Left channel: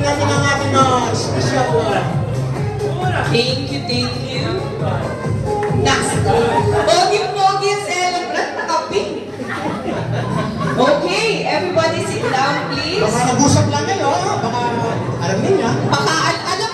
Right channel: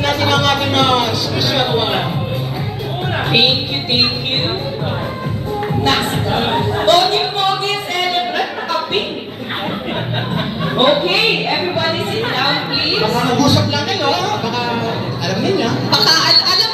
Buksan natin ang ating special one. Thank you. Next. Pogi, celebrate kape. Okay, everybody sit down, please. Baka nag-usap lang yan, oh. Baka alam ninyo. Baka alam